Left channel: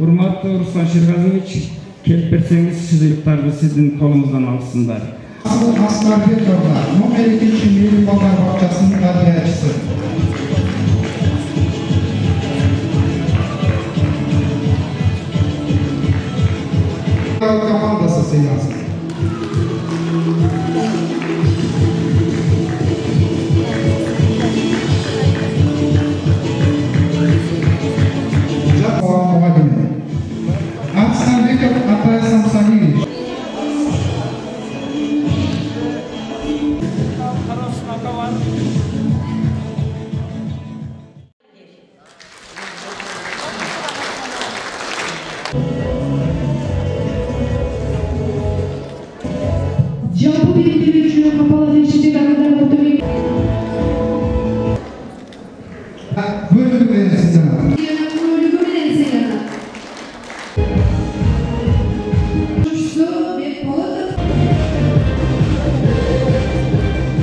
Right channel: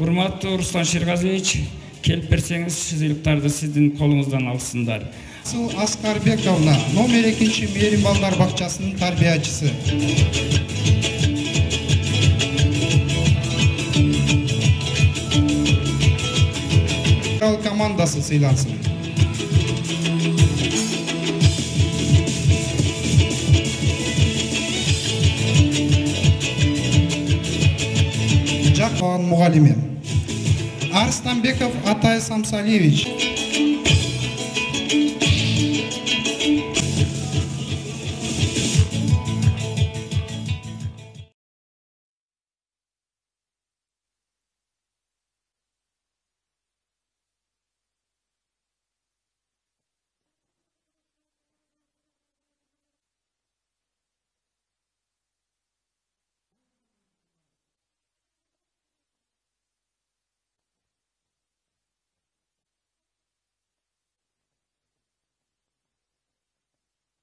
Урматтуу Руслан Шерғазиевич, келип берсеңиз сыйлыктарды сиздин колуңуздан алсындар. Аскарбековна, номер 2 Мейрим балдар бакчасынын тарбиячысы. Командасы сыйлансын. Арстанбеков Атай Самсалевич. Жалпы белгілі үшін қапалы режимде дағыдар отырмек. Bölümü verirsin sana. Bölümü verirsin sana.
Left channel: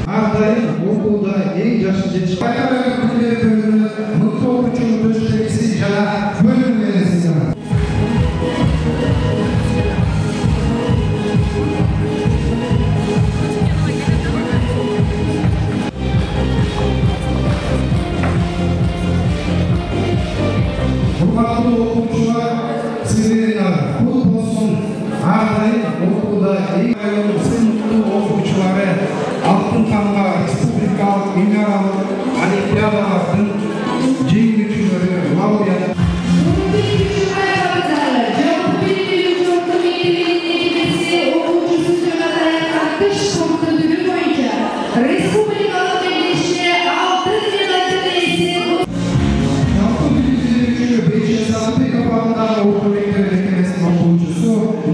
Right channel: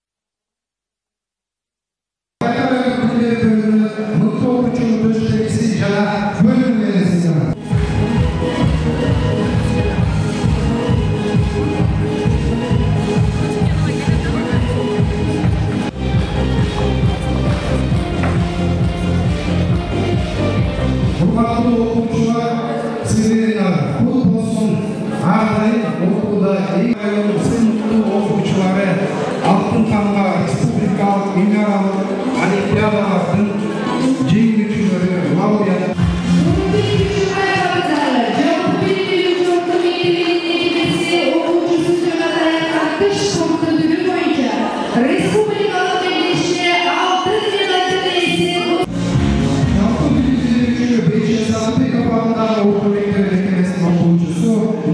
Arda'yın okulda en yaşlı yetişkin. Bayağı bölümü mutlu okuçunun gösterisi ya bölüm verirsin sana. Kurbanlı okumucular sizlerin kutlu olsun. Arda'yın okulda en sınıflı okumucuları Altın Tanga Respublikalık Mineral Olimpiadalarının jеңүүчүлөрү laureat.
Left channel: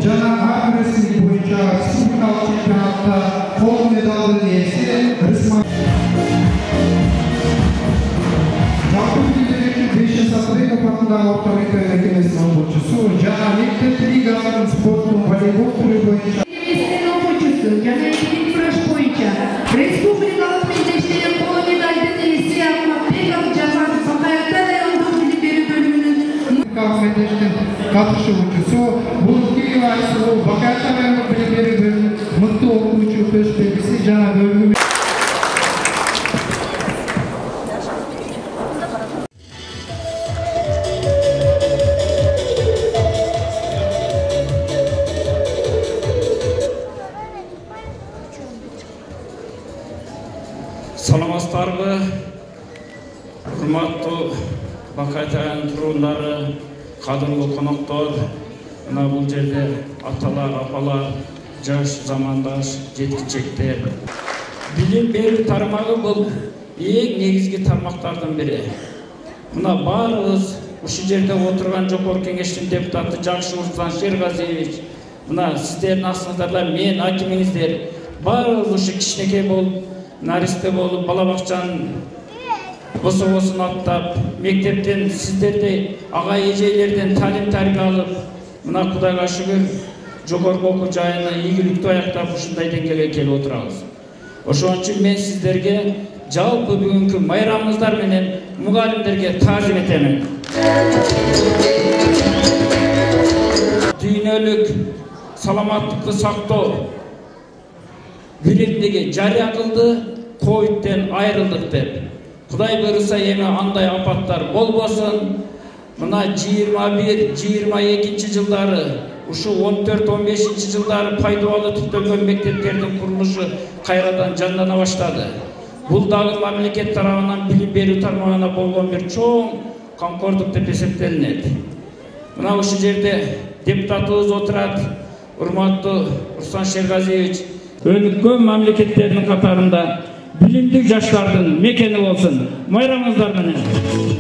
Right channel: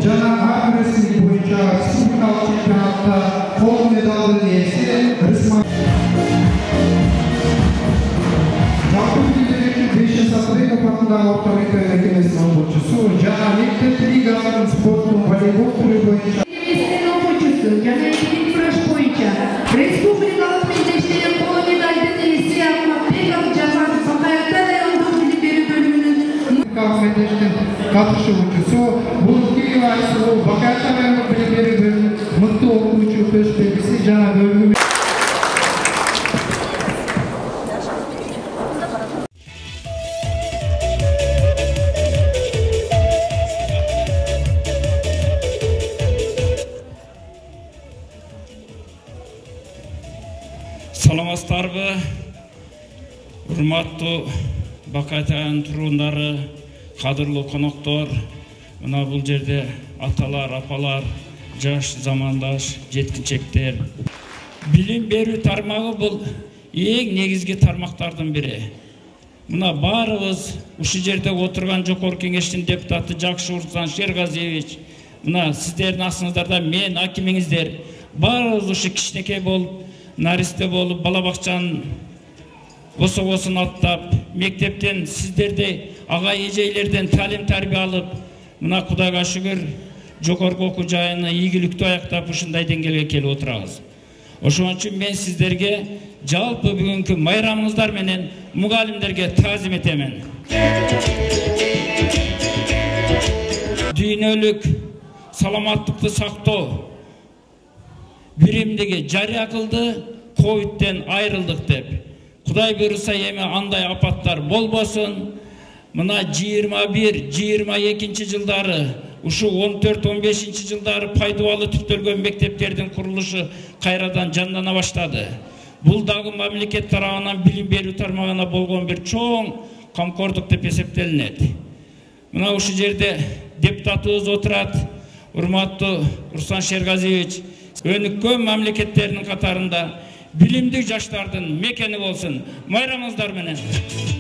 Жана ар республика боюнча республикалык чемпионатта кол медалдын ээси Рысман. Жалпы билдирүүчү 5 Сапарбеков атындагы орто мектеп мекемесинин окуучусу жана мектеп лигаларынын спорттун волейбол түрү боюнча жана кураш боюнча республикалык мектептен кол медалдын ээси Акматбеков Жаман Сапаевдин аялдык билим берүү бөлүмүнүн мектептин катышуучусу бул Киев айсылуу Бакаевдин аялдык билим берүү бөлүмүнүн мыкты окуучу төш белгиси жана бөлүмү. Саламатсыздарбы, урматтуу Бакаев айылынын турундары, кадырлуу коноктор, мына бул жерде аталар, апалар, жаш замандаш жеткичектер. Билим берүү тармагы бул эң негизги тармактардын бири. Мына баарыбыз ушул жерде отурган Жогорку Кеңештин депутаты Жакшы Руслан Шерғазиевич, мына сиздердин астыңыздарда мен акимиңиздер, баарыбыз ушу кичинекей болуп, наристе болуп, бала бакчанын кособосун аттап, мектептен сиздердей ага эжейлерден талим тарбия алып, мына Кудайга шүгүр жогорку окуу жайына ийгиликтүү аяктап ушундай деңгээлге келип отурабыз. Ошон үчүн мен сиздерге жалпы бүгүнкү майрамыңыздар менен мугалимдерге таазим этемин. Дүйнөлүк саламаттыкты сактоо биримдиги жарыя кылды, ковидтен айрылдык деп. Кудай буйруса эми андай апаттар болбосун. Мына 21-22 жылдары, ушу 14-15 жылдары пайдалуу түптөлгөн мектептердин курулушу кайрадан жандана баштады. Бул дагы мамлекет тарабынан билим берүү тармагына болгон бир чоң камкордук деп эсептелинет. Мына ушул жерде депутатыбыз отурат, урматтуу Руслан Шерғазиевич, өнүккөн мамлекеттердин катарында билимдик жаштардын мекени болсун. Майрамыңыздар менен.